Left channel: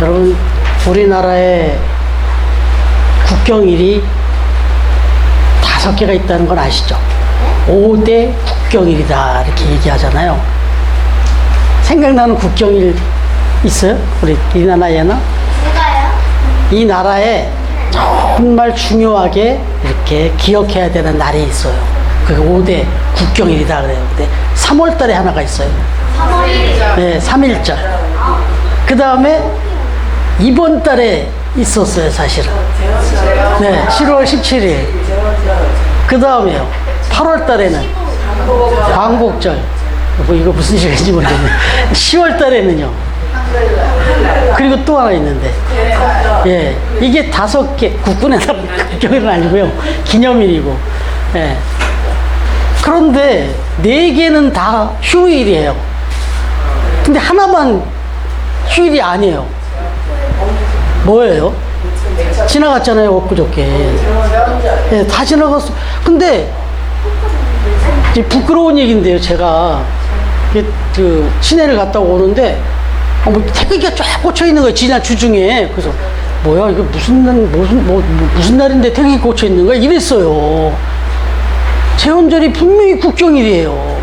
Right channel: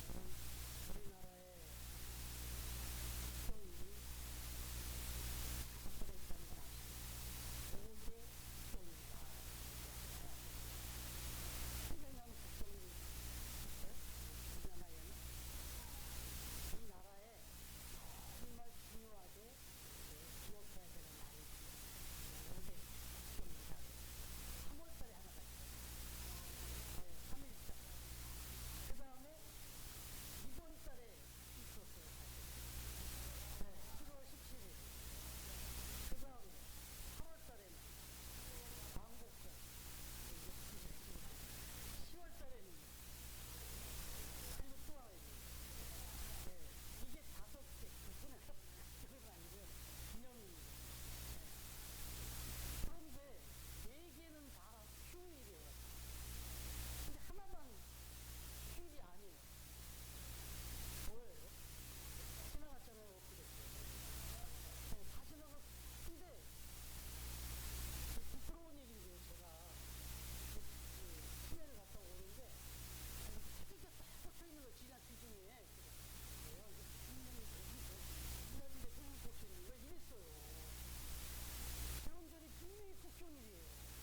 여러분, 우리나라에 국경일이 5개가 있다는 건 아시죠? 5대 국경일이다 이렇게 얘기하잖아요. 생각나는 국경일 있어요? 우리 이 나라에는? 누가요? 이 나라에 정말 중요하게 이렇게 기억해야 되는 날이 있어요. 그게 5대 국경일이다 그래요. 근데 3월 달에 하나가 있어요. 3월 1일. 네, 3.1절. 그 다음에 이번 달에 있었어요, 사실은. 네, 7월 17일. 그 다음에요, 8월 달에는 광복절. 뭐 이거 무슨 시간인지 모르겠네. 10월 달에는요. 그리고 또 하나 있는데, 예, 이게 5개, 국군의 날 국경일은 아니고요. 기념일이고. 예. 그런데 4개는 다 휴일이에요. 근데 하나만 휴일이 아니에요. 뭐예요? 지나갔잖아요, 엊그저께. 예, 다 지나갔어. 근데 이제 부끄러운 얘기인데요, 제가 그 시내를 갔다 오는데 뭐 태극기가 쫙 꽂혀 있는 거예요, 지난 주중에. 그래서 뭐야, 이거 무슨 날인데 태극기 꽂혀 있는 거야? 이랬어요. 제헌절이 분명히 국경일이에요.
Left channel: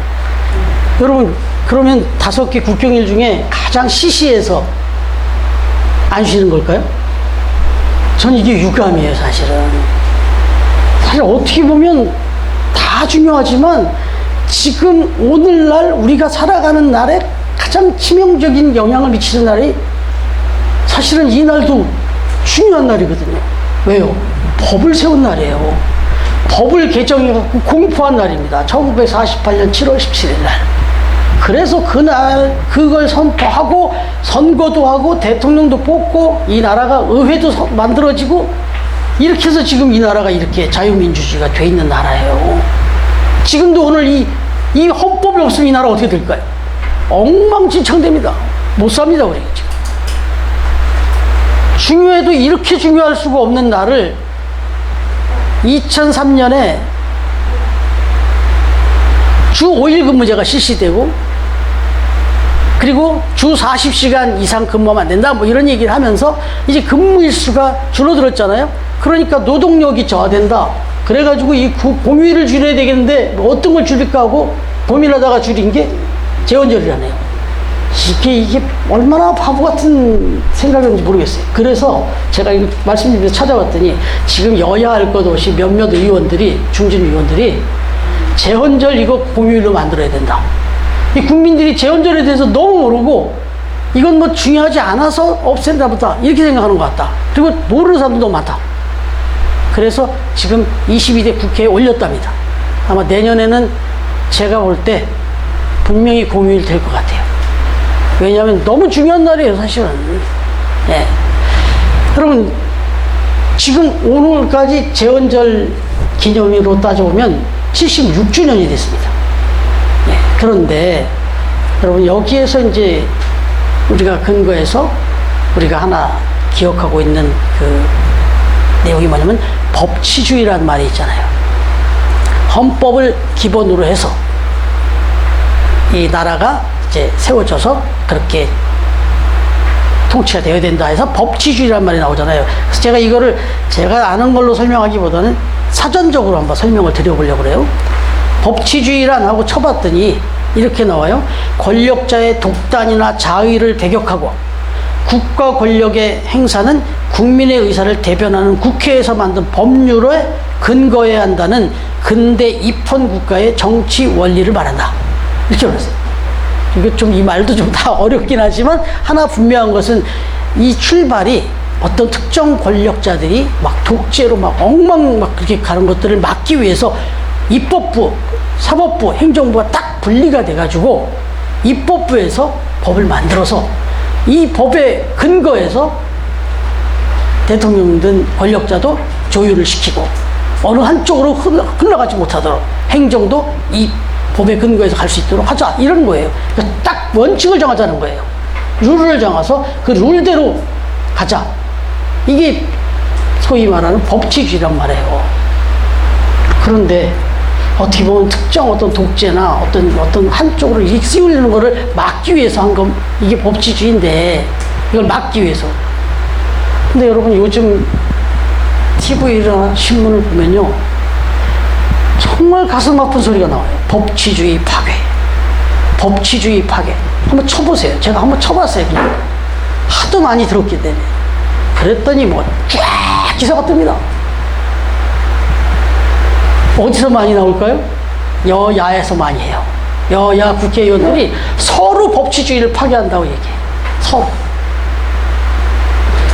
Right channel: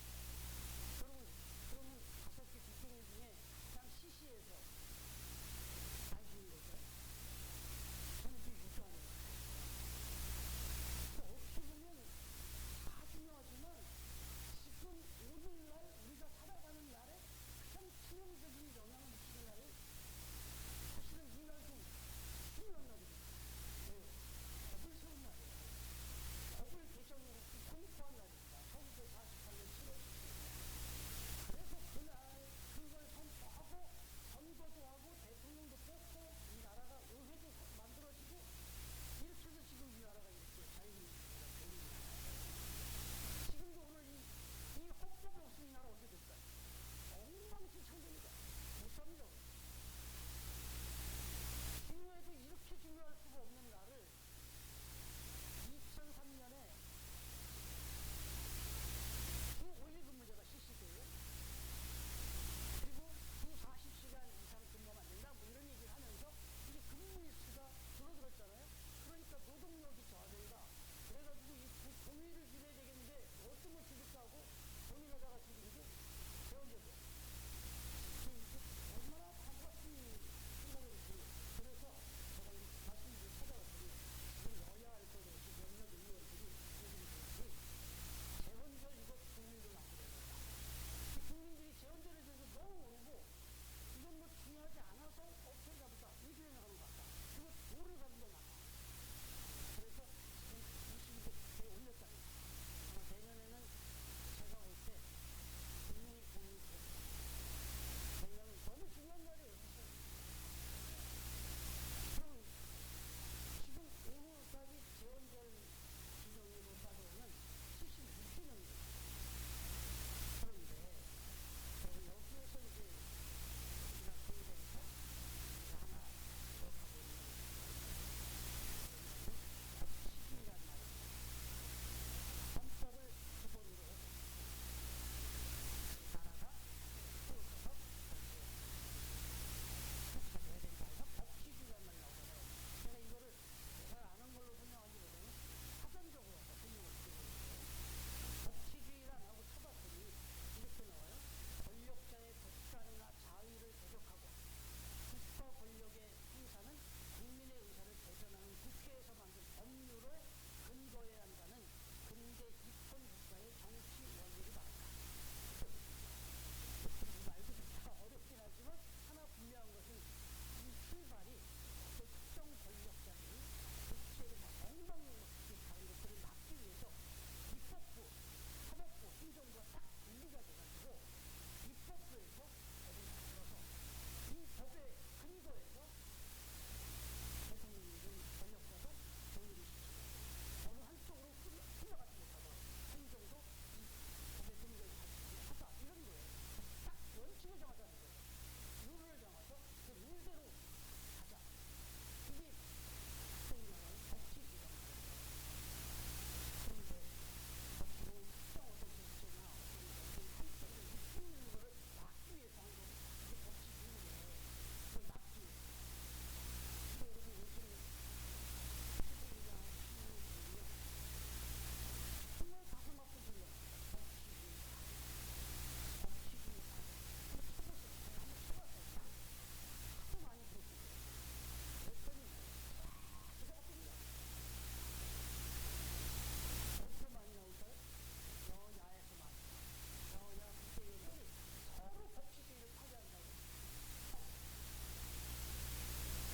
여러분, 그러면 5개 국경일 중에 가장 시시해서 안 쉬는 걸까요? 전 이게 유감이에요, 사실은. 사실 어떻게 보면 다 중요하지만 지금 오늘날 우리가 살아가는 날에 가장 치명적인 영향을 미치는 날이 사실은 이 날도 중요한 날이거든요. 왜요? 법을 세운 날이에요. 법을 개정해갖고 공포한 날입니다. 1948년 7월 17일 날. 그래서 그날 그걸 선포하고 선거도 하고 대통령도 뽑고 이 나라가 의회도 만들어지고 이렇게 해서 지금 이 나라가 이렇게 자유민주주의가 돼 있는 나라예요. 지금도 오늘 이 헌법이 없으면 이 나라 어떻게 될까요? 엉망진창됩니다. 못 삽니다, 우리 지금. 중요해도 이렇게 중요할 수가 없는 날을 2003년에 주 5일 근무제가 실시되고 그리고 주 40시간 이상 근무하면 안 된다 뭐 이런 얘기를 하면서 이제 근무일수가 줄어들었잖아요. 그러니까 노동력이 저하된다. 그래가지고 이 공휴일을 줄여야 되겠는데 뭐 어떤 걸 줄일까 하고 고민하다가 줄인 게 제헌절이라네요. 이게 얼마나 바보 같은 생각인지 모르겠어요. 그래서 제가 이거 말씀드리면서 찾아봤더니 지금 여야 할 것 없이 몇몇 의원들이, 중진 의원들이 제헌절 이거 공휴일로 만들어야 된다. 이 국민들이 제헌절에 대해서 너무 모르고 이건 뭐 중요하지 않아서 없앤다 보다 이렇게 생각하는 것 같다. 그리고 모르는 사람도 너무 많다. 그래서 지금 22대 국회에 올렸답니다. 아마 내년에는 제가 볼 때 분명히 공휴일 될 것 같아요. 왜냐하면 너무 중요한 날이에요, 사실은. 예. 여러분, 지금 오늘까지 제헌절 기념일로 따져보면 76주년이 됐습니다. 예. 그런데 여러분, 여기에서 이제 우리가 근거해서 우리가 하나 기억하고 있는 그 내용이 뭐냐면 법치주의라는 말이 있잖아요. 헌법을 기본으로 해서 이 나라가 이제 세워져서 그렇게 통치가 되어야 된다 해서 법치주의란 말이 나오잖아요. 그래서 제가 이거를 제가 아는 걸로 설명하기보다는 사전적으로 한번 설명을 드려보려고 그래요. 법치주의란 하고 쳐봤더니 이렇게 나와요. 권력자의 독단이나 자의를 배격하고 국가 권력의 행사는 국민의 의사를 대변하는 국회에서 만든 법률에 근거해야 한다는 근대 입헌 국가의 정치 원리를 말한다. 이렇게 말했어요. 이거 좀 이 말도 좀 다 어렵긴 하지만 하나 분명한 것은 이 출발이 어떤 특정 권력자들이 막 독재로 막 엉망 막 그렇게 가는 것들을 막기 위해서 입법부, 사법부, 행정부가 딱 분리가 돼가지고 입법부에서 법을 만들어서 이 법에 근거해서 대통령든 권력자도 조율을 시키고 어느 한쪽으로 흘러가지 못하도록 행정도 이 법에 근거해서 갈 수 있도록 하자 이런 거예요. 그러니까 딱 원칙을 정하자는 거예요. 룰을 정해서 그 룰대로 가자. 이게 소위 말하는 법치주의란 말이에요. 그런데 어떻게 보면 특정 어떤 독재나 어떤 한쪽으로 휘둘리는 거를 막기 위해서 한 건 이게 법치주의인데 이걸 막기 위해서 근데 여러분 요즘 TV나 신문을 보면요, 정말 가슴 아픈 소리가 나와요. 법치주의 파괴. 법치주의 파괴. 한번 쳐보세요. 제가 한번 쳐봤어요. 그냥. 하도 많이 들었기 때문에. 그랬더니 뭐 쫙 기사가 뜹니다. 어디서 많이 나올까요? 여야에서 많이 해요. 여야 국회의원들이 서로 법치주의를 파괴한다고 얘기해요. 서로.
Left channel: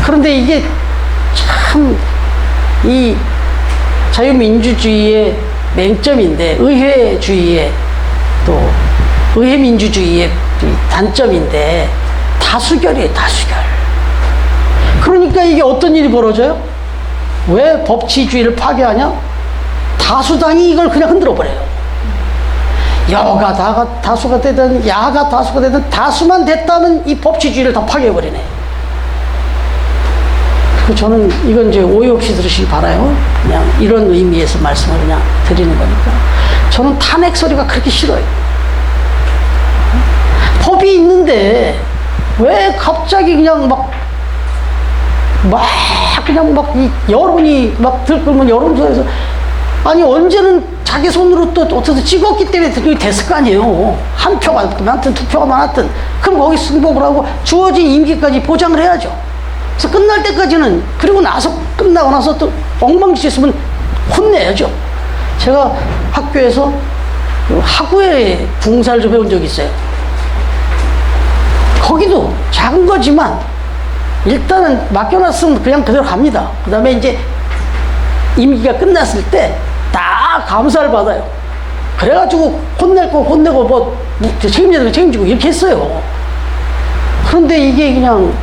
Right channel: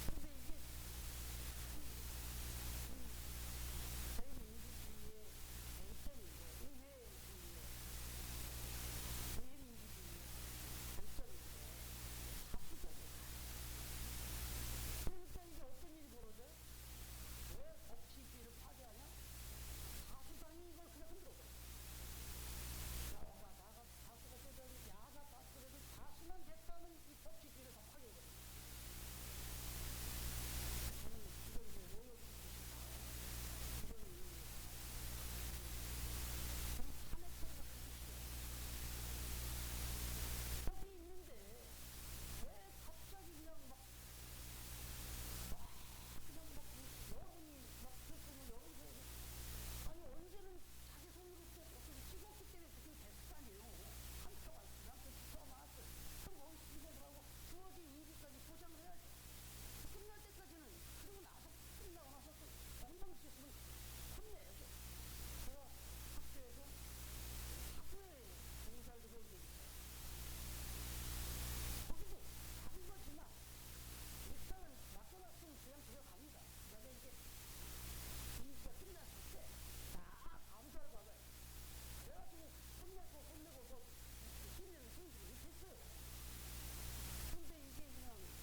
그런데 이게 참 이 자유민주주의의 맹점인데, 의회주의의 또 의회민주주의의 단점인데, 다수결이에요, 다수결. 그러니까 이게 어떤 일이 벌어져요? 왜 법치주의를 파괴하냐? 다수당이 이걸 그냥 흔들어 버려요. 여가 다수가 되든 야가 다수가 되든 다수만 됐다면 이 법치주의를 다 파괴해 버리네. 저는 이건 이제 오해 없이 들으시기 바라요. 그냥 이런 의미에서 말씀을 그냥 드리는 거니까. 저는 탄핵 소리가 그렇게 싫어요. 법이 있는데 왜 갑자기 그냥 그냥 이 여론이 막 들끓으면 여론조사에서, 아니 언제는 자기 손으로 또 어떻게 찍었기 때문에 그게 됐을 거 아니에요. 한 표가 많든 두 표가 많았든. 그럼 거기 승복을 하고 주어진 임기까지 보장을 해야죠. 그래서 끝날 때까지는, 그리고 나서 끝나고 나서 또 엉망진창 있으면 혼내야죠. 제가 학교에서 학우회 붕사를 좀 해본 적이 있어요. 거기도 작은 거지만 일단은 맡겨놨으면 그냥 그대로 갑니다. 그 다음에 이제 임기가 끝났을 때 다 감사를 받아요. 그래가지고 혼낼 거 혼내고 뭐 책임져야 책임지고 이렇게 했어요. 그런데 이게 그냥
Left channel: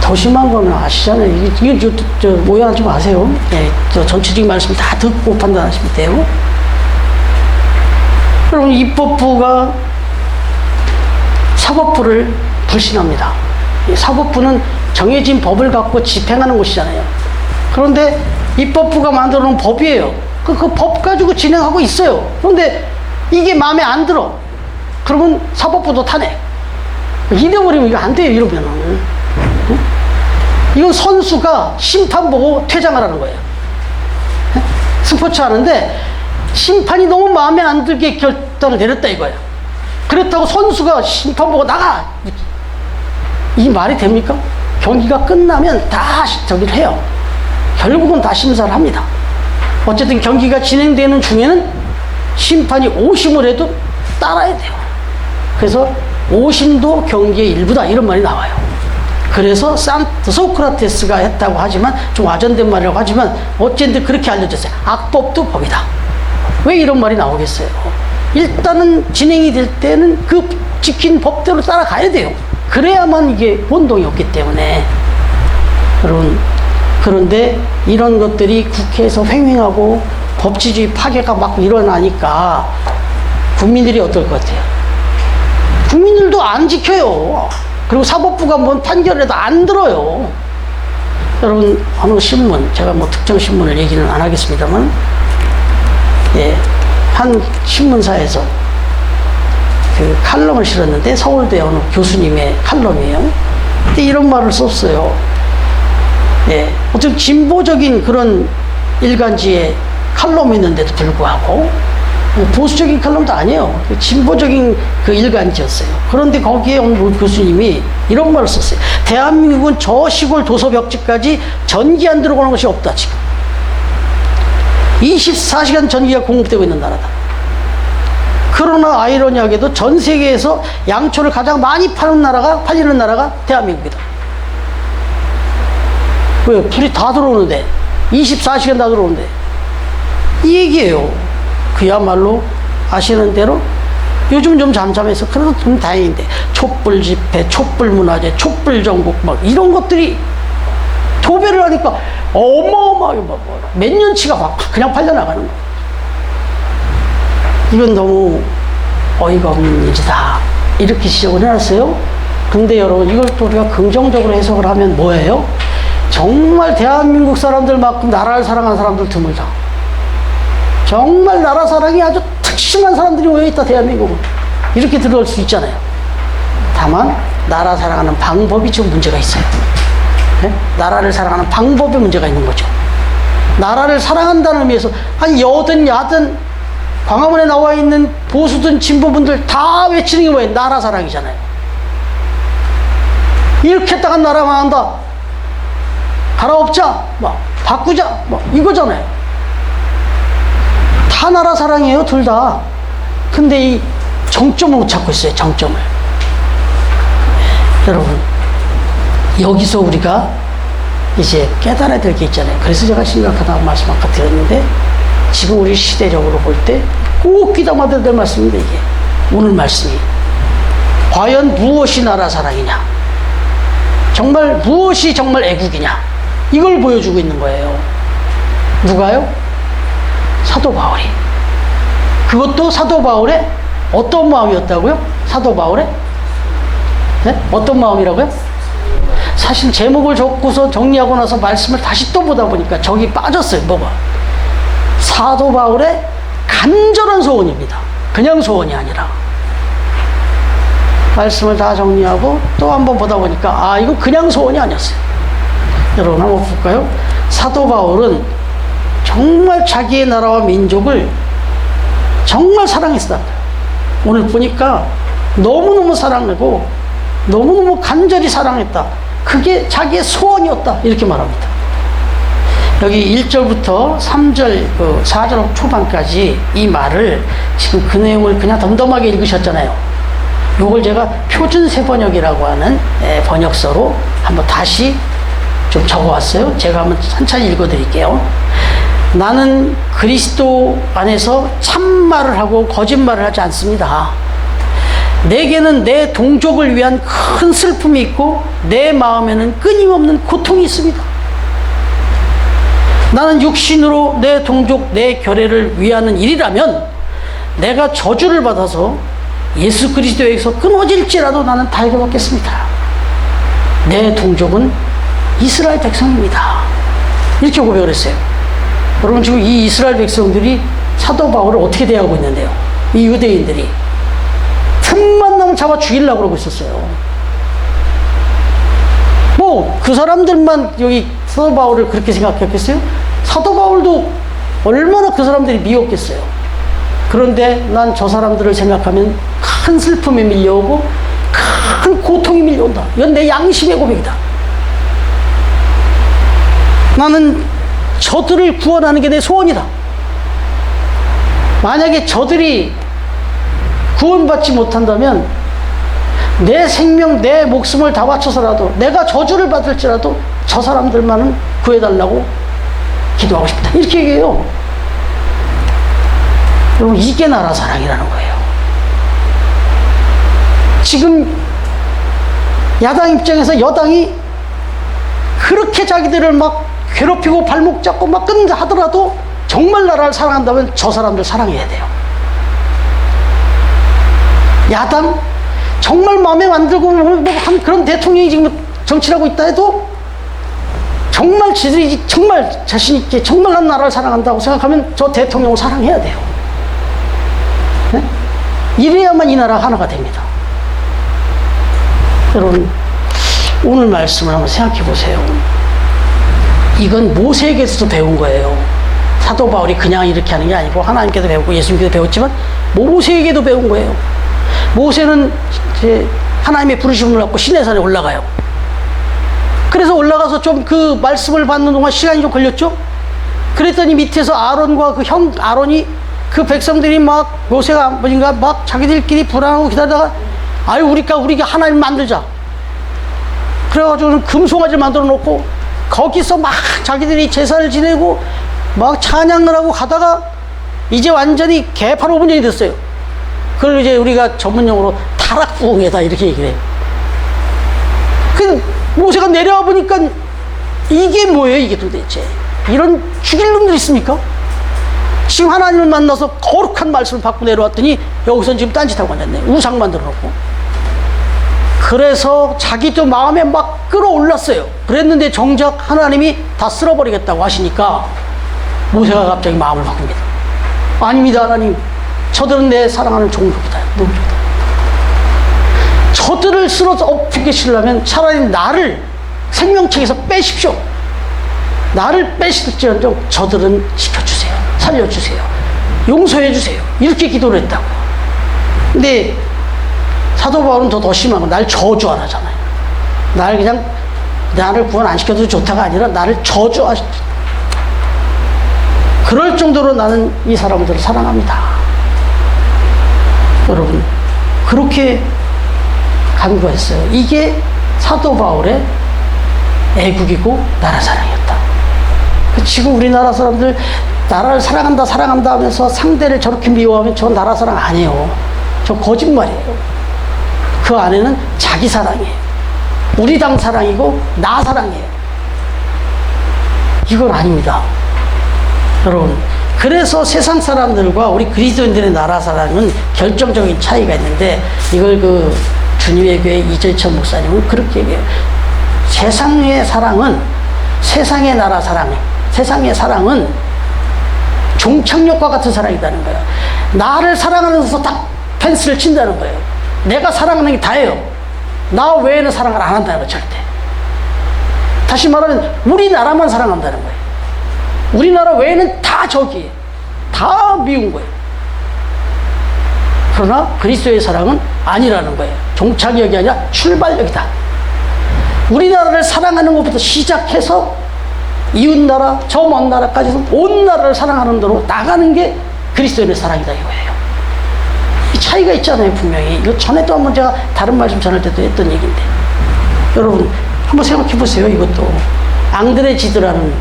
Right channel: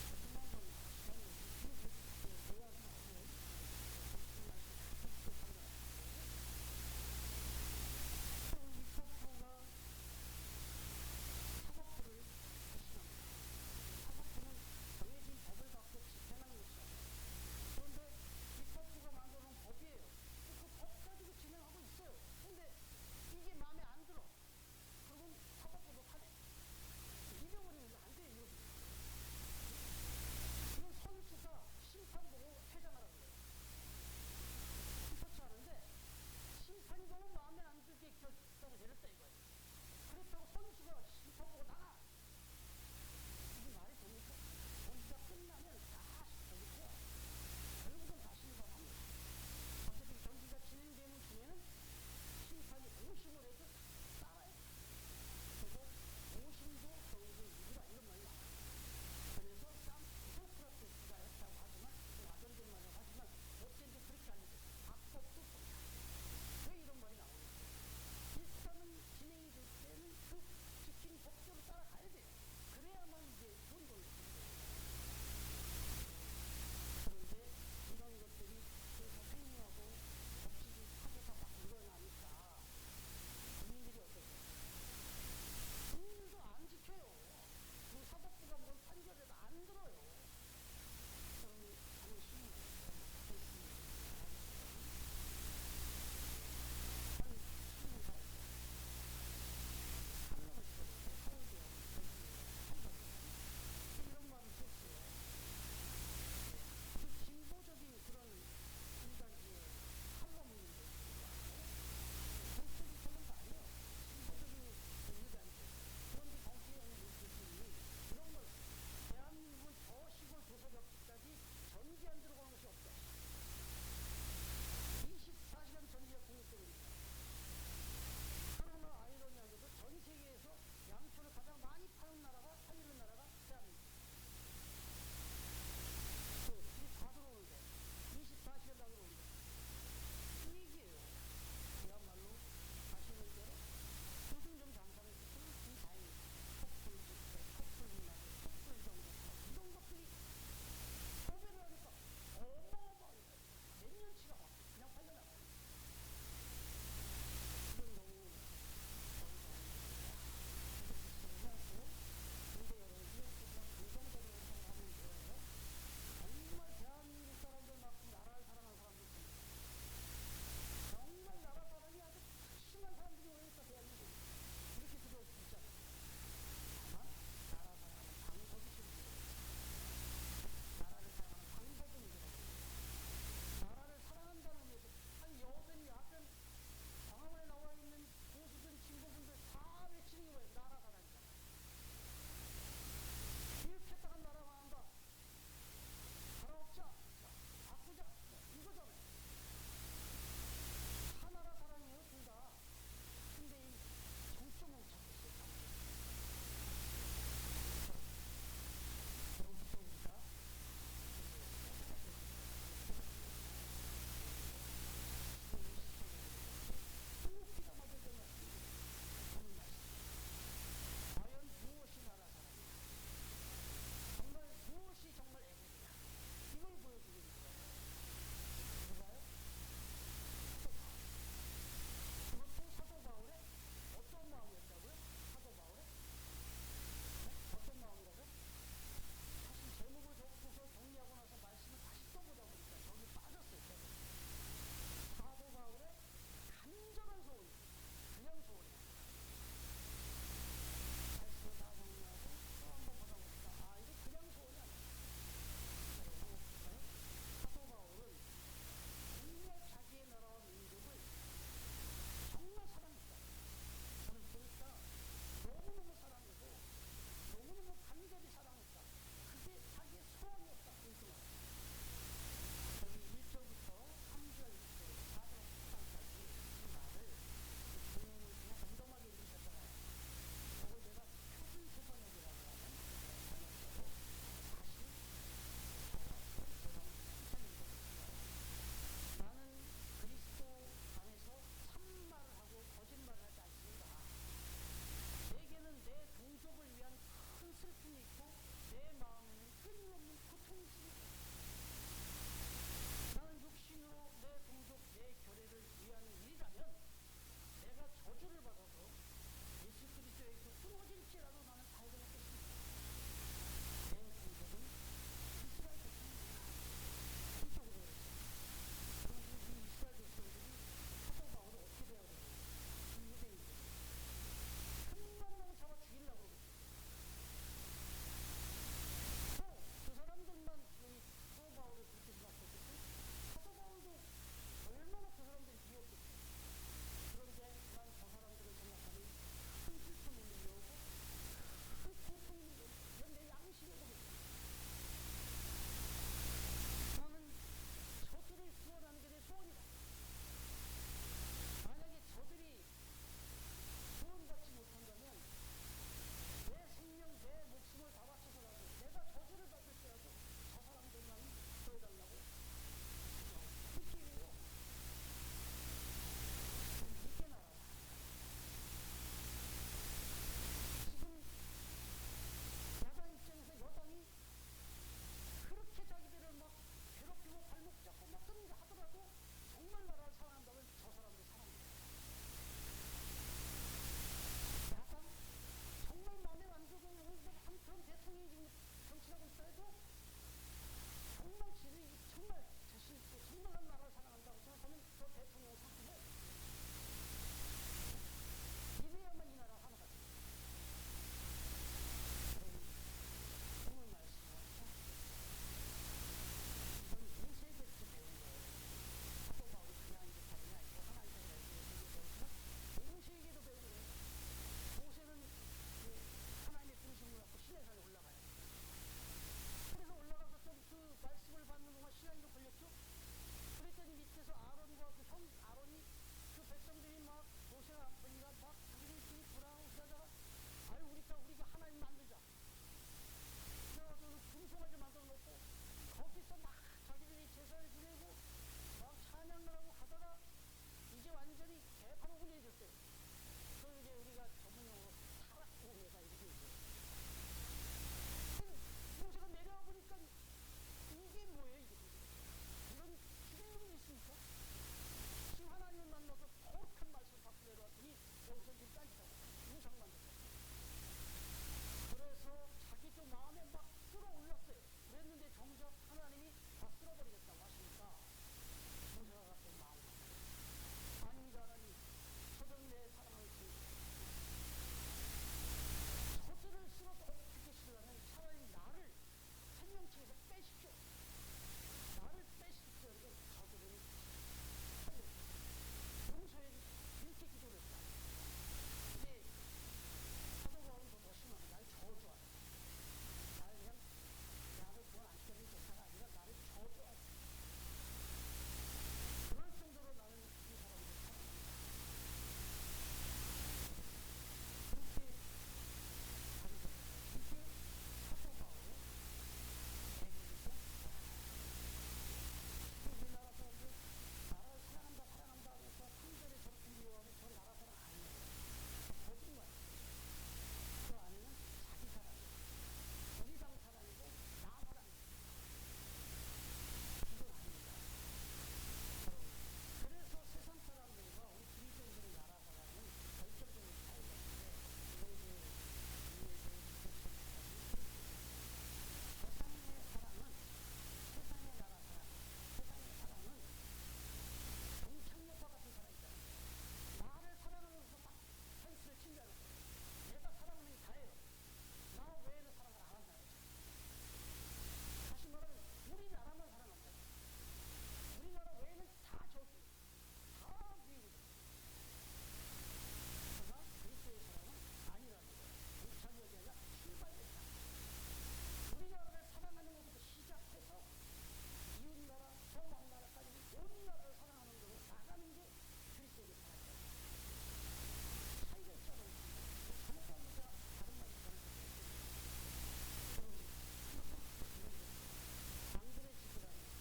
더 심한 거는 아시잖아요. 이게 오해하지 마세요. 예, 저 전체적인 말씀 다 듣고 판단하시면 돼요. 여러분, 입법부가 사법부를 불신합니다. 사법부는 정해진 법을 갖고 집행하는 곳이잖아요. 그런데 입법부가 만들어 놓은 법이에요. 그 법 가지고 진행하고 있어요. 그런데 이게 마음에 안 들어. 그러면 사법부도 탄핵. 이래버리면 이거 안 돼요, 이러면은. 이건 선수가 심판 보고 퇴장하라는 거예요. 스포츠 하는데 심판이 너무 마음에 안 들게 결단을 내렸다 이거예요. 그렇다고 선수가 심판 보고 나가, 이 말이 됩니까? 경기가 끝나면 다 저기를 해요. 결국은 다 심사를 합니다. 어쨌든 경기가 진행되는 중에는 심판이 오심을 해도 따라야 돼요. 그래서 오심도 경기의 일부다, 이런 말이 나와요. 그래서 소크라테스가 했다고 하지만, 좀 와전된 말이라고 하지만 어쨌든 그렇게 알려졌어요. 악법도 법이다. 왜 이런 말이 나오겠어요? 일단은 진행이 될 때는 그 지킨 법대로 따라가야 돼요. 그래야만 이게 혼동이 없기 때문에. 여러분, 그런데 이런 것들이 국회에서 횡행하고 법치주의 파괴가 막 일어나니까 국민들이 어떨 것 같아요? 국민들도 안 지켜요. 그리고 사법부가 뭔 판결을 해도 안 들어요. 여러분, 어느 신문, 제가 뭐 특정 신문을 얘기는 안 하겠습니다만, 예, 한 신문사에서 그 칼럼을 실었는데, 서울대 어느 교수님의 칼럼이에요. 근데 이런 말을 썼어요. 예, 어떤 진보적인 그런 일간지에 칼럼이 있는데도 불구하고, 보수적인 칼럼도 아니에요. 진보적인 그 일간지였어요. 그런데 거기에 온 교수님이 이런 말을 썼어요. 대한민국은 저 시골 도서벽지까지 전기 안 들어오는 것이 없다, 지금. 24시간 전기가 공급되고 있는 나라다. 그러나 아이러니하게도 전 세계에서 양초를 가장 많이 팔리는 나라가 대한민국이다. 왜? 불이 다 들어오는데, 24시간 다 들어오는데. 이 얘기예요. 그야말로 아시는 대로 요즘 좀 잠잠해서 그래도 좀 다행인데, 촛불 집회, 촛불 문화제, 촛불 전국 막 이런 것들이 도배를 하니까 어마어마하게 몇 년치가 막 그냥 팔려나가는 거예요. 이건 너무 어이가 없는 일이다, 이렇게 지적을 해놨어요. 근데 여러분, 이걸 또 우리가 긍정적으로 해석을 하면 뭐예요? 정말 대한민국 사람들만큼 나라를 사랑하는 사람들 드물다. 정말 나라 사랑이 아주 특심한 사람들이 모여있다, 대한민국은. 이렇게 들어올 수 있잖아요. 다만 나라 사랑하는 방법이 좀 문제가 있어요. 네? 나라를 사랑하는 방법에 문제가 있는 거죠. 나라를 사랑한다는 의미에서 한 여든 야든 광화문에 나와 있는 보수든 진보분들 다 외치는 게 뭐예요? 나라 사랑이잖아요. 이렇게 했다가 나라 망한다. 갈아엎자, 막 바꾸자, 막 이거잖아요. 다 나라 사랑이에요, 둘 다. 근데 이 정점을 못 찾고 있어요, 정점을. 여러분, 여기서 우리가 이제 깨달아야 될 게 있잖아요. 그래서 제가 심각하다고 말씀 아까 드렸는데, 지금 우리 시대적으로 볼 때 꼭 귀담아야 될 말씀인데, 이게 오늘 말씀이 과연 무엇이 나라 사랑이냐, 정말 무엇이 정말 애국이냐, 이걸 보여주고 있는 거예요. 누가요? 사도 바울이. 그것도 사도 바울의 어떤 마음이었다고요? 사도 바울의? 네? 어떤 마음이라고요? 사실 제목을 적고서 정리하고 나서 말씀을 다시 또 보다 보니까 저기 빠졌어요. 뭐가? 사도 바울의 간절한 소원입니다. 그냥 소원이 아니라. 말씀을 다 정리하고 또 한번 보다 보니까 이거 그냥 소원이 아니었어요. 여러분 한번 볼까요? 사도 바울은 정말 자기의 나라와 민족을 정말 사랑했다. 오늘 보니까 너무너무 사랑하고 너무너무 간절히 사랑했다. 그게 자기의 소원이었다. 이렇게 말합니다. 여기 1절부터 3절, 4절 초반까지 이 말을 지금 그 내용을 그냥 덤덤하게 읽으셨잖아요. 요걸 제가 표준세번역이라고 하는 번역서로 한번 다시 좀 적어왔어요. 제가 한번 천천히 읽어드릴게요. 나는 그리스도 안에서 참말을 하고 거짓말을 하지 않습니다. 내게는 내 동족을 위한 큰 슬픔이 있고 내 마음에는 끊임없는 고통이 있습니다. 나는 육신으로 내 동족, 내 결례를 위하는 일이라면 내가 저주를 받아서 예수 그리스도에게서 끊어질지라도 나는 다행을 받겠습니다. 내 동족은 이스라엘 백성입니다. 이렇게 고백을 했어요. 여러분, 지금 이 이스라엘 백성들이 사도 바울을 어떻게 대하고 있는데요? 이 유대인들이 틈만 나면 잡아 죽이려고 그러고 있었어요. 뭐 그 사람들만 여기 사도 바울을 그렇게 생각했겠어요? 사도 바울도 얼마나 그 사람들이 미웠겠어요. 그런데 난 저 사람들을 생각하면 큰 슬픔이 밀려오고 큰 고통이 밀려온다. 이건 내 양심의 고백이다. 나는 저들을 구원하는 게 내 소원이다. 만약에 저들이 구원받지 못한다면 내 생명, 내 목숨을 다 바쳐서라도 내가 저주를 받을지라도 저 사람들만은 구해달라고 기도하고 싶다. 이렇게 얘기해요. 여러분, 이게 나라 사랑이라는 거예요. 지금 야당 입장에서 여당이 그렇게 자기들을 막 괴롭히고 발목 잡고 막 끊는다 하더라도 정말 나라를 사랑한다면 저 사람들 사랑해야 돼요. 야당 정말 마음에 만들고 한 그런 대통령이 지금 정치를 하고 있다 해도 정말 지들이 정말 자신있게 정말 난 나라를 사랑한다고 생각하면 저 대통령을 사랑해야 돼요. 네? 이래야만 이 나라가 하나가 됩니다. 여러분, 오늘 말씀을 한번 생각해 보세요. 이건 모세에게서도 배운 거예요. 사도 바울이 그냥 이렇게 하는 게 아니고 하나님께도 배우고 예수님께도 배웠지만 모세에게도 배운 거예요. 모세는 이제 하나님의 부르심을 받고 시내산에 올라가요. 그래서 올라가서 좀 그 말씀을 받는 동안 시간이 좀 걸렸죠. 그랬더니 밑에서 아론과 그 형 아론이 그 백성들이 막 모세가 뭐인가 막 자기들끼리 불안하고 기다리다가 아유 우리가 하나님 만들자. 그래가지고 금송아지를 만들어 놓고 거기서 막 자기들이 제사를 지내고 막 찬양을 하고 가다가 이제 완전히 개판 5분 전이 됐어요. 그걸 이제 우리가 전문용어로 타락부흥회다 이렇게 얘기를 해요. 그 모세가 내려와 보니까 이게 뭐예요, 이게 도대체? 이런 죽일 놈들 있습니까? 지금 하나님을 만나서 거룩한 말씀을 받고 내려왔더니 여기서 지금 딴짓하고 앉았네. 우상 만들어 놓고. 그래서 자기도 마음에 막 끌어올랐어요. 그랬는데 정작 하나님이 다 쓸어버리겠다고 하시니까 모세가 갑자기 마음을 바꿉니다. 아닙니다, 하나님. 저들은 내 사랑하는 종족이다. 저들을 쓸어서 엎게 시려면 차라리 나를 생명책에서 빼십시오. 나를 빼실지언정 저들은 지켜주세요. 살려주세요. 용서해주세요. 이렇게 기도를 했다고. 근데 사도 바울은 더 심한 건 날 저주 안 하잖아요. 나를 구원 안 시켜도 좋다가 아니라 나를 저주하시. 그럴 정도로 나는 이 사람들을 사랑합니다. 여러분, 그렇게 간구했어요. 이게 사도 바울의 애국이고 나라 사랑이었다. 지금 우리나라 사람들 나라를 사랑한다 사랑한다 하면서 상대를 저렇게 미워하면 저 나라 사랑 아니에요. 저 거짓말이에요. 그 안에는 자기 사랑이에요. 우리 당 사랑이고 나 사랑이에요. 이건 아닙니다. 여러분, 그래서 세상 사람들과 우리 그리스도인들의 나라 사랑은 결정적인 차이가 있는데, 이걸 그 주님의 교회 이재천 목사님은 그렇게 얘기해요. 세상의 사랑은, 세상의 나라 사랑, 세상의 사랑은 종착역과 같은 사랑이라는 거예요. 나를 사랑하면서 딱 펜스를 친다는 거예요. 내가 사랑하는 게 다예요. 나 외에는 사랑을 안 한다는 거예요, 절대. 다시 말하면 우리나라만 사랑한다는 거예요. 우리나라 외에는 다 적이에요. 다 미운 거예요. 그러나 그리스도의 사랑은 아니라는 거예요. 종착역이 아니라 출발역이다. 우리나라를 사랑하는 것부터 시작해서 이웃나라, 저 먼 나라까지 온 나라를 사랑하는 대로 나가는 게 그리스도인의 사랑이다 이거예요. 이 차이가 있잖아요, 분명히. 이거 전에도 한번 제가 다른 말씀 전할 때도 했던 얘기인데, 여러분 한번 생각해 보세요. 이것도 앙드레 지드라는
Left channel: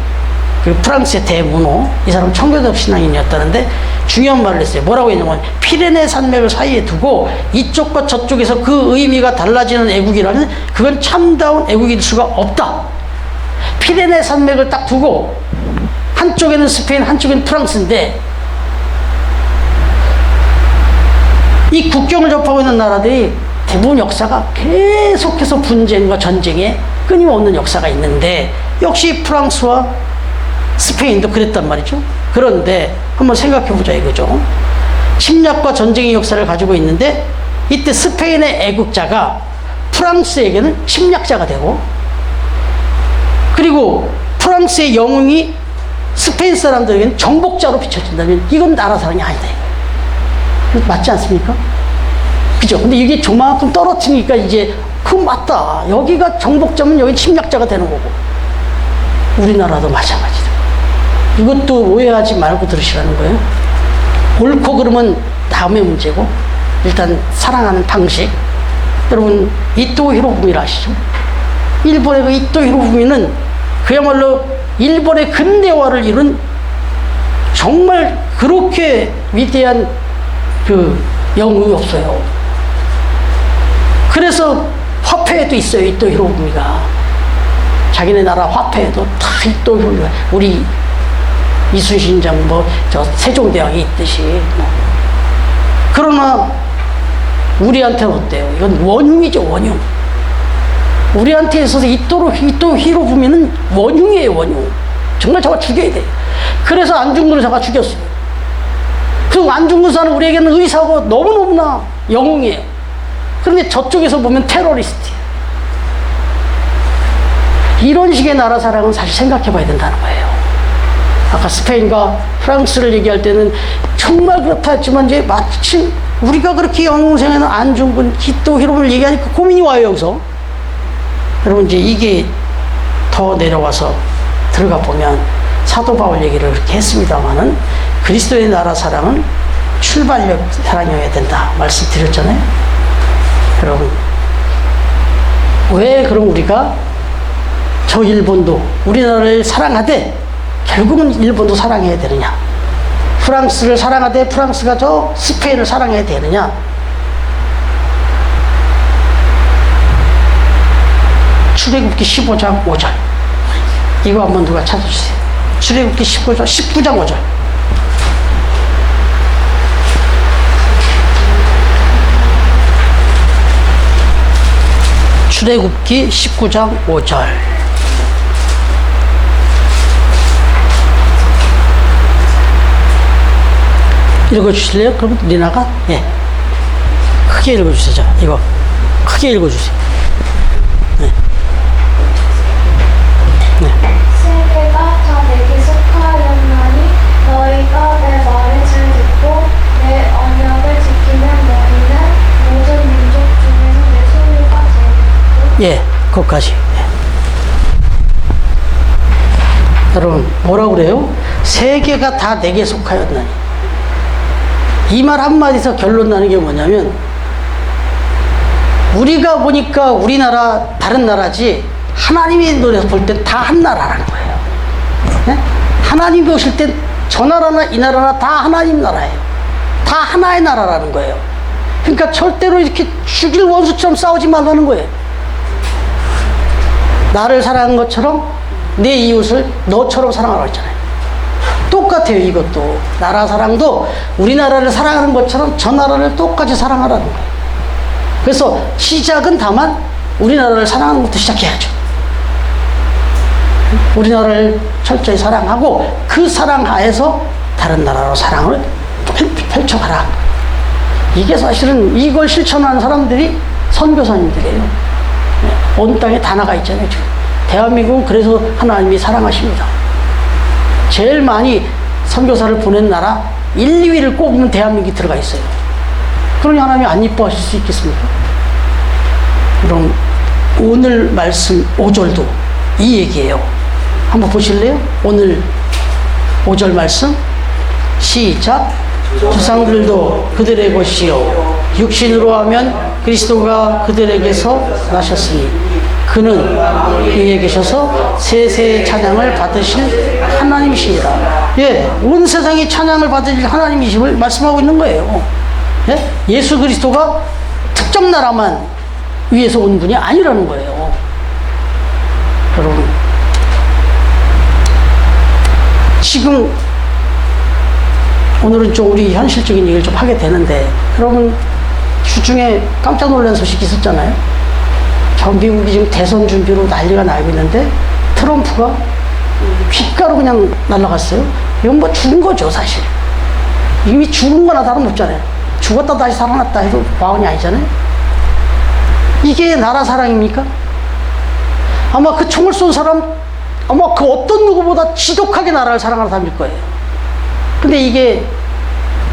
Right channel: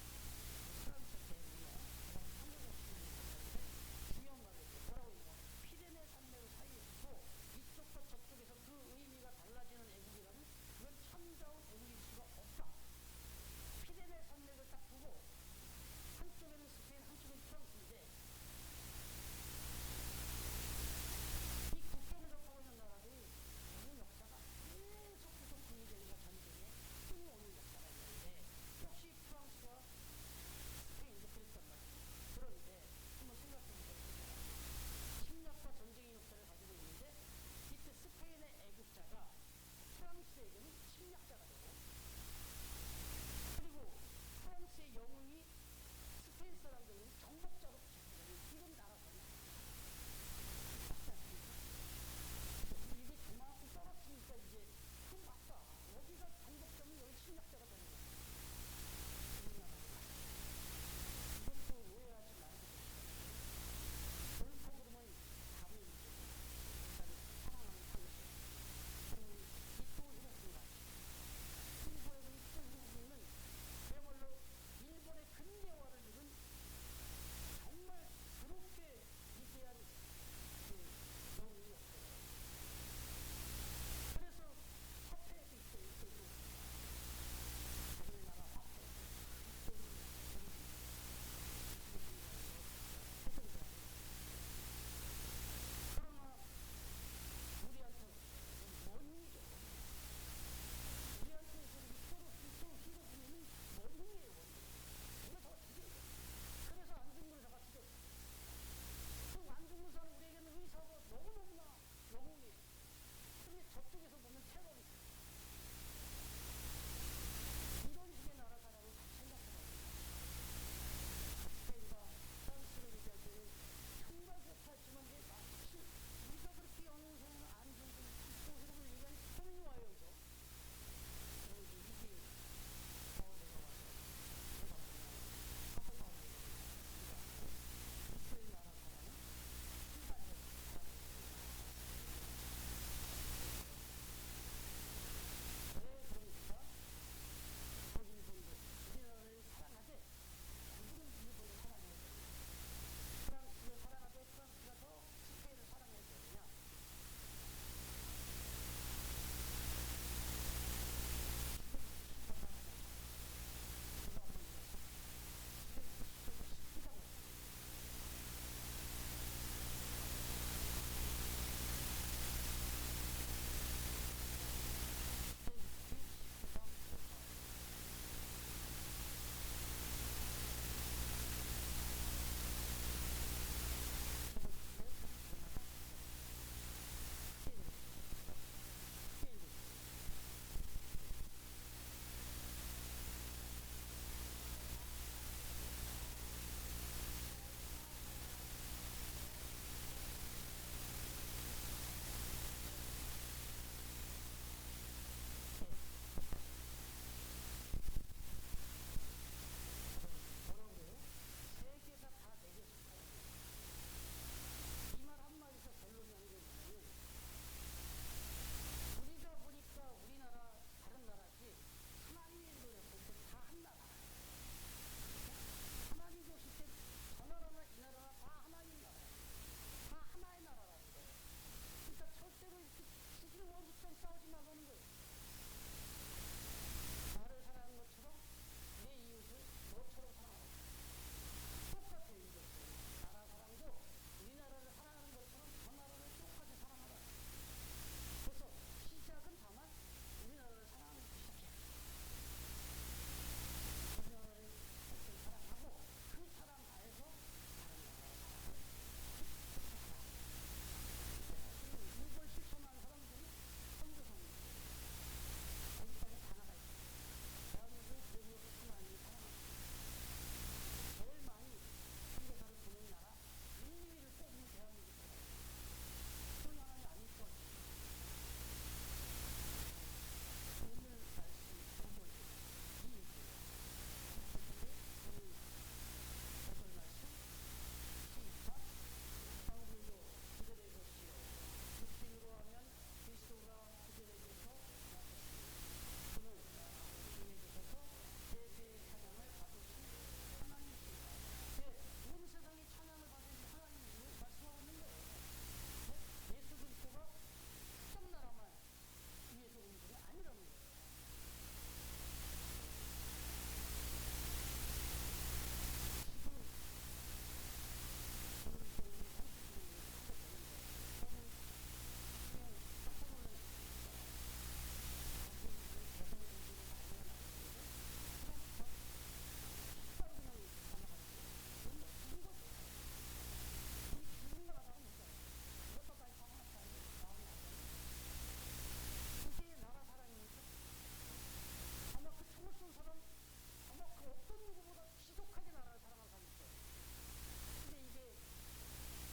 그 프랑스의 대문호, 이 사람 청교도 신앙인이었다는데 중요한 말을 했어요. 뭐라고 했냐면, 피레네 산맥을 사이에 두고 이쪽과 저쪽에서 그 의미가 달라지는 애국이라면 그건 참다운 애국일 수가 없다. 피레네 산맥을 딱 두고 한쪽에는 스페인, 한쪽에는 프랑스인데, 이 국경을 접하고 있는 나라들이 대부분 역사가 계속해서 분쟁과 전쟁에 끊임없는 역사가 있는데, 역시 프랑스와 스페인도 그랬단 말이죠. 그런데 한번 생각해 보자 이거죠. 침략과 전쟁의 역사를 가지고 있는데, 이때 스페인의 애국자가 프랑스에게는 침략자가 되고, 그리고 프랑스의 영웅이 스페인 사람들에게는 정복자로 비춰진다면 이건 나라 사랑이 아니다 이거예요. 맞지 않습니까? 그죠? 근데 이게 조만큼 떨어지니까 이제 그건 맞다. 여기가 정복자면 여기 침략자가 되는 거고, 우리나라도 마찬가지다. 이것도 오해하지 말고 들으시라는 거예요. 옳고 그러면 다음의 문제고, 일단 사랑하는 방식. 여러분, 이토 히로부미를 아시죠? 일본의 그 이토 히로부미는 그야말로 일본의 근대화를 이룬 정말 그렇게 위대한 그 영웅이 없어요. 그래서 화폐에도 있어요, 이토 히로부미가. 자기네 나라 화폐에도 다 이토 히로부미가, 우리 이순신장 저 세종대왕이 있듯이 그러나 우리한테는 어때요? 이건 원흉이죠, 원흉. 우리한테 있어서 이토 히로부미는 원흉이에요, 원흉. 정말 잡아 죽여야 돼. 그래서 안중근을 잡아 죽였어요. 그 안중근사는 우리에게는 의사고 너무너무나 영웅이에요. 그런데 저쪽에서 보면 테러리스트예요. 이런 식의 나라 사랑은 사실 생각해 봐야 된다는 거예요. 아까 스페인과 프랑스를 얘기할 때는 정말 그렇다 했지만, 이제 마침 우리가 그렇게 영웅생에는 안중근, 이토 히로부미를 얘기하니까 고민이 와요, 여기서. 여러분, 이제 이게 더 내려와서 들어가 보면 사도 바울 얘기를 그렇게 했습니다만은, 그리스도의 나라 사랑은 출발력 사랑이어야 된다 말씀드렸잖아요. 여러분, 왜 그럼 우리가 저 일본도 우리나라를 사랑하되 결국은 일본도 사랑해야 되느냐, 프랑스를 사랑하되 프랑스가 저 스페인을 사랑해야 되느냐? 출애굽기 15장 5절 이거 한번 누가 찾아주세요. 출애굽기 19장 5절. 출애굽기 19장 5절. 읽어주실래요? 그럼 리나가? 예. 크게 읽어주세요. 자, 이거 크게 읽어주세요. 네. 여기까지. 여러분, 뭐라고 그래요? 세계가 다 내게 속하였나니. 이 말 한마디에서 결론 나는 게 뭐냐면, 우리가 보니까 우리나라 다른 나라지, 하나님의 눈에서 볼 땐 다 한 나라라는 거예요. 네? 하나님이 보실 땐 저 나라나 이 나라나 다 하나님 나라예요. 다 하나의 나라라는 거예요. 그러니까 절대로 이렇게 죽일 원수처럼 싸우지 말라는 거예요. 나를 사랑한 것처럼 내 이웃을 너처럼 사랑하라고 했잖아요. 똑같아요. 이것도 나라 사랑도 우리나라를 사랑하는 것처럼 저 나라를 똑같이 사랑하라는 거예요. 그래서 시작은 다만 우리나라를 사랑하는 것부터 시작해야죠. 우리나라를 철저히 사랑하고 그 사랑 하에서 다른 나라로 사랑을 펼쳐가라. 이게 사실은 이걸 실천하는 사람들이 선교사님들이에요. 온 땅에 다 나가 있잖아요. 지금 대한민국은 그래서 하나님이 사랑하십니다. 제일 많이 선교사를 보낸 나라 1, 2위를 꼽으면 대한민국이 들어가 있어요. 그러니 하나님이 안 이뻐하실 수 있겠습니까? 그럼 오늘 말씀 5절도 이 얘기예요. 한번 보실래요? 오늘 5절 말씀 시작. 조상들도 그들의 것이요 육신으로 하면 그리스도가 그들에게서 나셨으니 그는 위에 계셔서 세세의 찬양을 받으실 하나님이시니라. 예, 온 세상이 찬양을 받으실 하나님이심을 말씀하고 있는 거예요. 예? 예수 그리스도가 특정 나라만 위에서 온 분이 아니라는 거예요. 여러분, 지금 오늘은 좀 우리 현실적인 얘기를 좀 하게 되는데, 여러분 주중에 깜짝 놀란 소식이 있었잖아요. 저 미국이 지금 대선 준비로 난리가 나고 있는데 트럼프가 귓가로 그냥 날아갔어요. 이건 뭐 죽은 거죠, 사실. 이미 죽은 거나 다름없잖아요. 죽었다 다시 살아났다 해도 과언이 아니잖아요. 이게 나라 사랑입니까? 아마 그 총을 쏜 사람, 아마 그 어떤 누구보다 지독하게 나라를 사랑하는 사람일 거예요. 근데 이게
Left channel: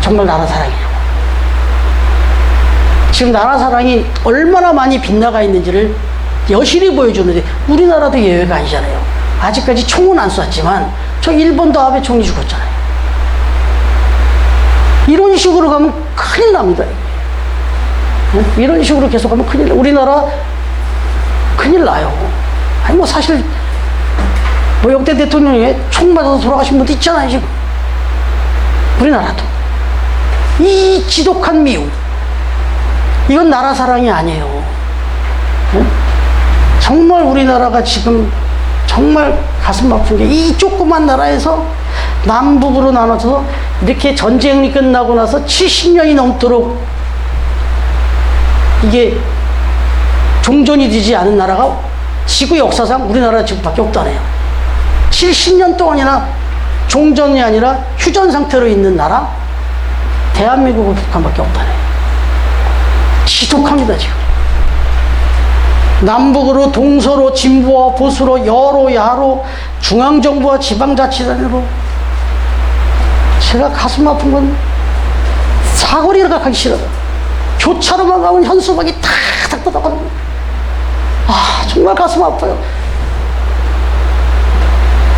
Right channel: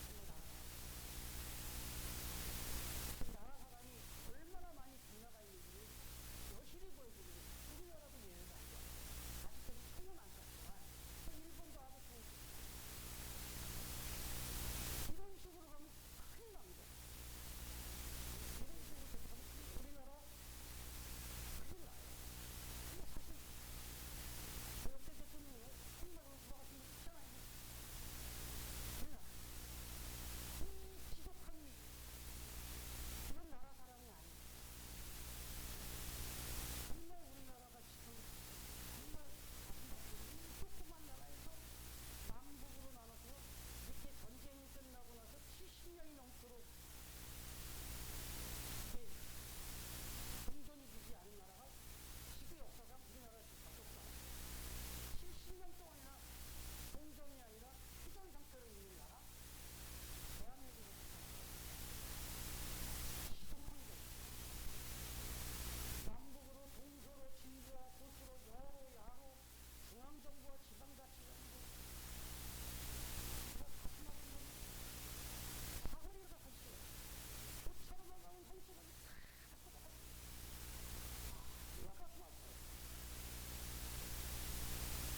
정말 나라 사랑이냐고. 지금 나라 사랑이 얼마나 많이 빗나가 있는지를 여실히 보여주는데, 우리나라도 예외가 아니잖아요. 아직까지 총은 안 쐈지만 저 일본도 아베 총리 죽었잖아요. 이런 식으로 가면 큰일 납니다. 이런 식으로 계속 가면 큰일 나요. 우리나라 큰일 나요. 아니 뭐 사실 뭐 역대 대통령이 총 맞아서 돌아가신 분도 있잖아요. 지금 우리나라도 이 지독한 미움, 이건 나라 사랑이 아니에요. 정말 우리나라가 지금 정말 가슴 아픈 게, 이 조그만 나라에서 남북으로 나눠서 이렇게 전쟁이 끝나고 나서 70년이 넘도록 이게 종전이 되지 않은 나라가 지구 역사상 우리나라 지금밖에 없다네요. 70년 동안이나 종전이 아니라 휴전 상태로 있는 나라, 대한민국과 북한밖에 없다네요. 지독합니다, 지금. 남북으로, 동서로, 진보와 보수로, 여로, 야로, 중앙정부와 지방자치단으로. 제가 가슴 아픈 건 사거리를 가기 싫어요. 교차로만 가면 현수막이 탁탁 뜯어가는 거예요. 아, 정말 가슴 아파요.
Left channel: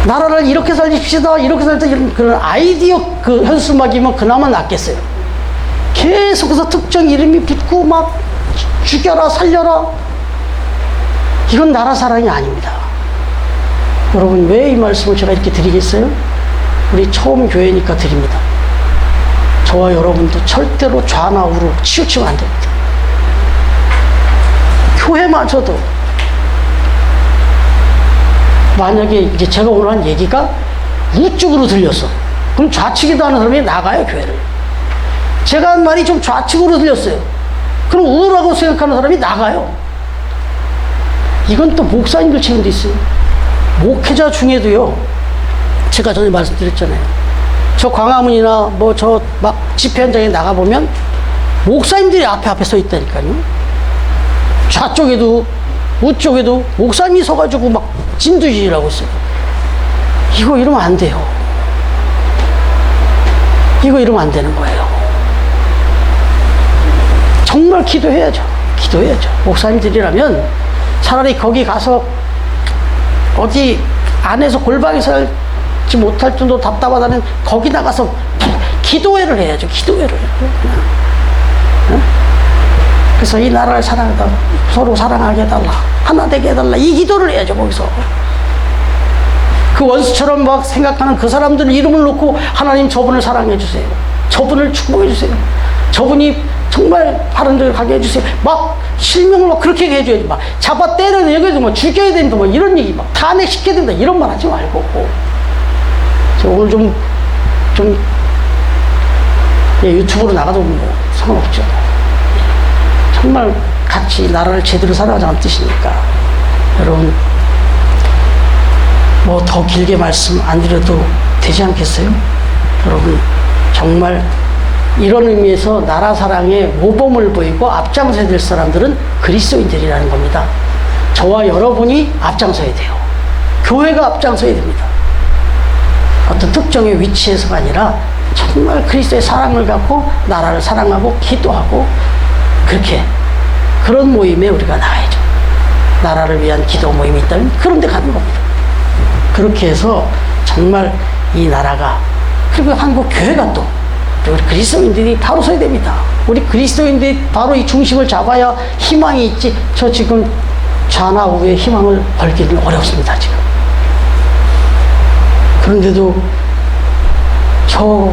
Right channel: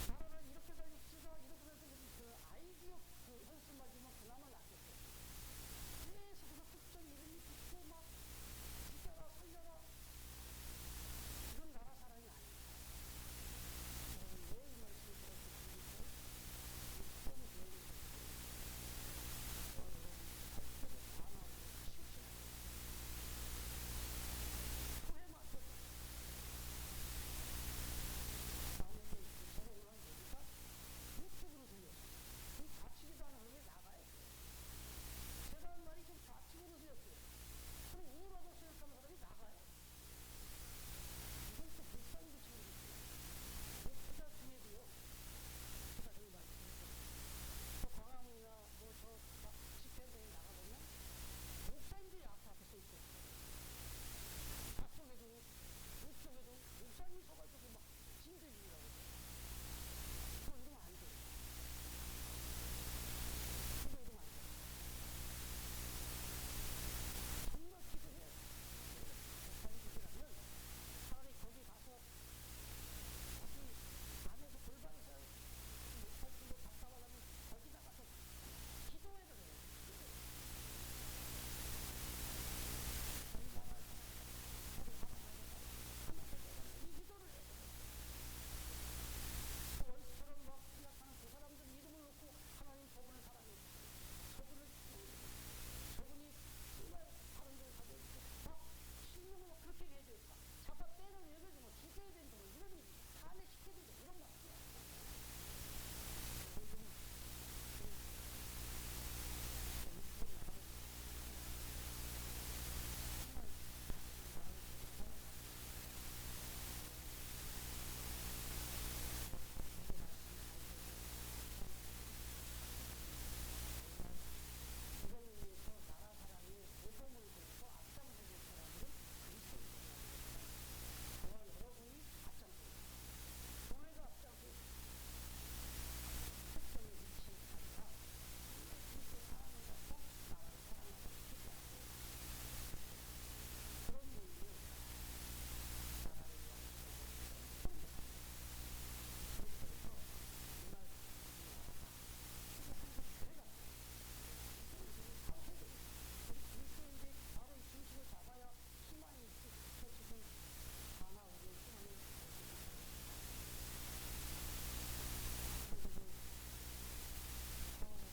나라를 이렇게 살립시다, 이렇게 살자, 이런 그런 아이디어 그 현수막이면 그나마 낫겠어요. 계속해서 특정 이름이 붙고 막 죽여라, 살려라. 이건 나라 사랑이 아닙니다. 여러분, 왜 이 말씀을 제가 이렇게 드리겠어요? 우리 처음 교회니까 드립니다. 저와 여러분도 절대로 좌나 우로 치우치면 안 됩니다. 교회마저도 만약에 이제 제가 오늘 한 얘기가 우쪽으로 들렸어, 그럼 좌측에도 하는 사람이 나가요, 교회를. 제가 한 말이 좀 좌측으로 들렸어요, 그럼 우라고 생각하는 사람이 나가요. 이건 또 목사님들 책임도 있어요. 목회자 중에도요, 제가 전에 말씀드렸잖아요. 저 광화문이나 뭐 저 막 집회 현장에 나가보면 목사님들이 앞에 서 있다니까요. 좌쪽에도 우쪽에도 목사님이 서가지고 막 진두지휘라고 있어요. 이거 이러면 안 돼요. 이거 이러면 안 되는 거예요. 정말 기도해야죠. 기도해야죠. 목사님들이라면 차라리 거기 가서 어디 안에서 골방에 살지 못할 정도로 답답하다면 거기 나가서 기도회를 해야죠. 기도회를. 응? 그래서 이 나라를 사랑해달라. 서로 사랑하게 해달라. 하나 되게 해달라. 이 기도를 해야죠. 거기서. 그 원수처럼 막 생각하는 그 사람들 이름을 놓고 하나님 저분을 사랑해 주세요. 저분을 축복해 주세요. 저분이 정말 바른 데를 가게 해주세요. 막 실명을 막 그렇게 해줘야지. 막 잡아 때려야 여기도 뭐 죽여야 된다. 뭐 이런 얘기 막 탄핵시켜야 된다. 이런 말 하지 말고. 저 오늘 유튜브로 나가도 뭐 상관없죠. 정말 같이 나라를 제대로 살아가자는 뜻이니까. 여러분, 뭐 더 길게 말씀 안 드려도 되지 않겠어요? 여러분, 정말 이런 의미에서 나라 사랑에 모범을 보이고 앞장서야 될 사람들은 그리스도인들이라는 겁니다. 저와 여러분이 앞장서야 돼요. 교회가 앞장서야 됩니다. 어떤 특정의 위치에서가 아니라 정말 그리스도의 사랑을 갖고 나라를 사랑하고 기도하고 그렇게 그런 모임에 우리가 나가야죠. 나라를 위한 기도 모임이 있다면 그런 데 가는 겁니다. 그렇게 해서 정말 이 나라가 그리고 한국 교회가 또 우리 그리스도인들이 바로 서야 됩니다. 우리 그리스도인들이 바로 이 중심을 잡아야 희망이 있지. 저 지금 좌나 우에 희망을 걸기는 어렵습니다. 지금. 그런데도 저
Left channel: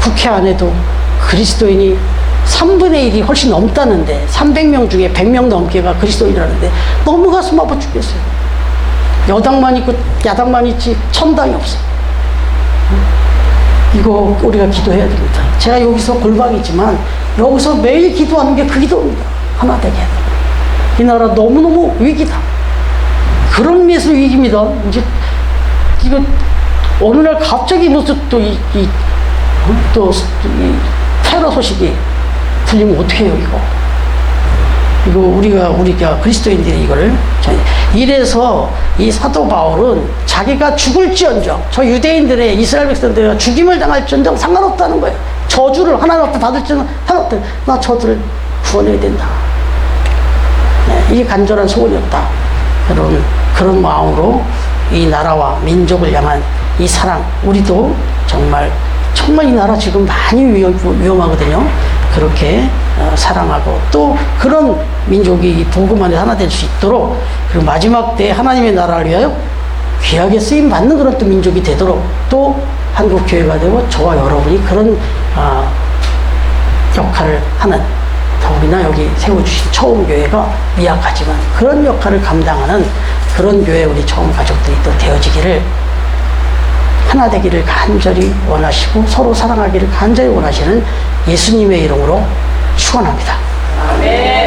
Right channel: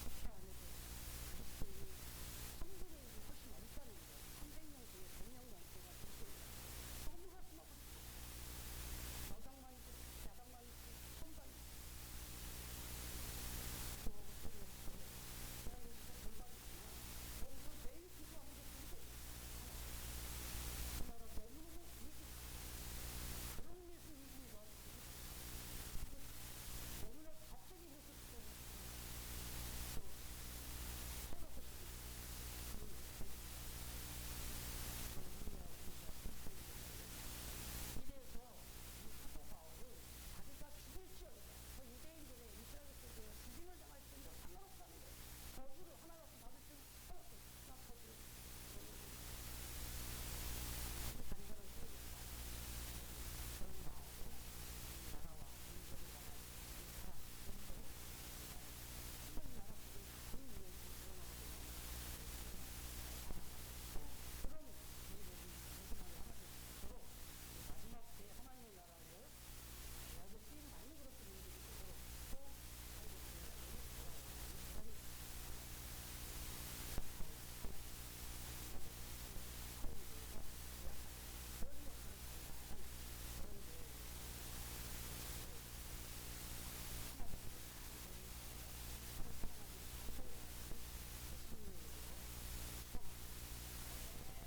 국회 안에도 그리스도인이 3분의 1이 훨씬 넘다는데 300명 중에 100명 넘게가 그리스도인이라는데 너무 가슴 아파 죽겠어요. 여당만 있고 야당만 있지 천당이 없어요. 이거 우리가 기도해야 됩니다. 제가 여기서 골방이지만 여기서 매일 기도하는 게 그 기도입니다. 하나 되게 해야 됩니다. 이 나라 너무너무 위기다. 그런 의미에서 위기입니다. 이제 이거 어느 날 갑자기 무슨 또 이 테러 소식이 들리면 어떻게 해요, 이거? 이거 우리가 그리스도인들이 이거를 이래서 이 사도 바울은 자기가 죽을지언정 저 유대인들의 이스라엘 백성들이 죽임을 당할지언정 상관없다는 거예요. 저주를 하나님 앞에 받을지는 상관없다. 나 저들을 구원해야 된다. 네, 이게 간절한 소원이었다. 여러분, 그런 마음으로 이 나라와 민족을 향한 이 사랑, 우리도 정말 이 나라 지금 많이 위험하거든요. 그렇게 사랑하고 또 그런 민족이 복음 안에 하나 될 수 있도록 그리고 마지막 때 하나님의 나라를 위하여 귀하게 쓰임 받는 그런 또 민족이 되도록 또 한국 교회가 되고 저와 여러분이 그런 역할을 하는 더욱이나 여기 세워주신 처음 교회가 미약하지만 그런 역할을 감당하는 그런 교회 우리 처음 가족들이 또 되어지기를 하나 되기를 간절히 원하시고 서로 사랑하기를 간절히 원하시는 예수님의 이름으로 축원합니다. 아멘.